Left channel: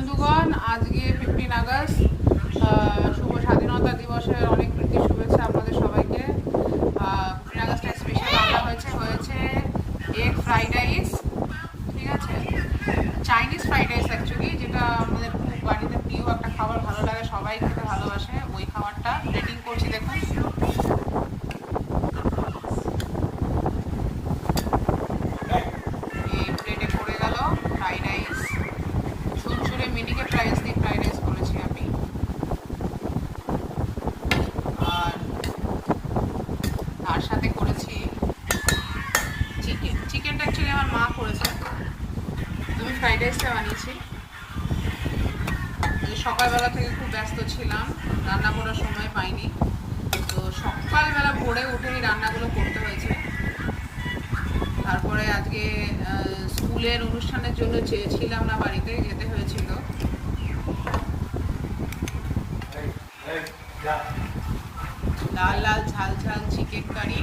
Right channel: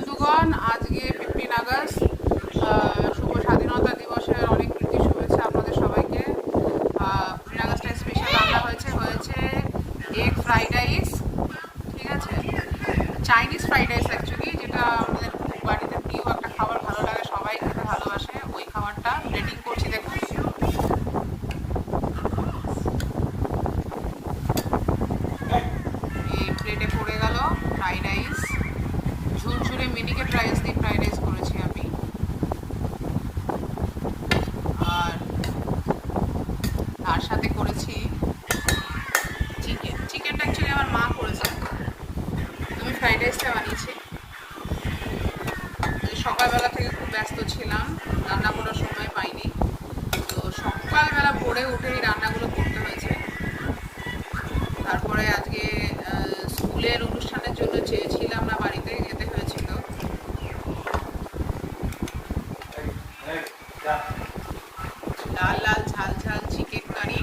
বন্ধুগণ, আজকে 15 আগস্ট, শুভ স্বাধীনতা দিবসের অনেক প্রীতি শুভেচ্ছা আপনাদের সবাইকে। 15 আগস্টের স্পেশাল রান্না হয়েছে এগ ফ্রাইড রাইস। ঠিক আছে, চাইনিজ ফ্রাইড রাইস অ্যাকচুয়ালি, যেটা আমাদের খুব বাড়িতে প্রিয় একটা খাবার, ভালো লাগে, সবাই খেতে ভালোবাসে। ওই খাবারটা রেডি করছি, দেখুন। এই প্লেটে পড়ে গেল ফ্রাইড রাইস, চুরচুরে মিনিকেট রাইস দিয়ে ফ্রাইড রাইস করেছি আমি। আর তার সাথে করেছি চিকেনটা অ্যাকচুয়ালি আমার মা করেছে, আমি ফ্রাইড রাইসটা বানিয়েছি। সকালবেলা থেকে খুব ব্যস্ত ছিলাম, রান্না করার সময় পাইনি, তো সকালবেলা ভোরে উঠেই রান্নাগুলো করতে হয়েছে। তারপরে আজকে স্কুলের অনুষ্ঠানের জন্য ছিলাম না, বাড়িতে যেতে হয়েছিল। লাল লাল ঝাল ঝাল চিকেন কারি,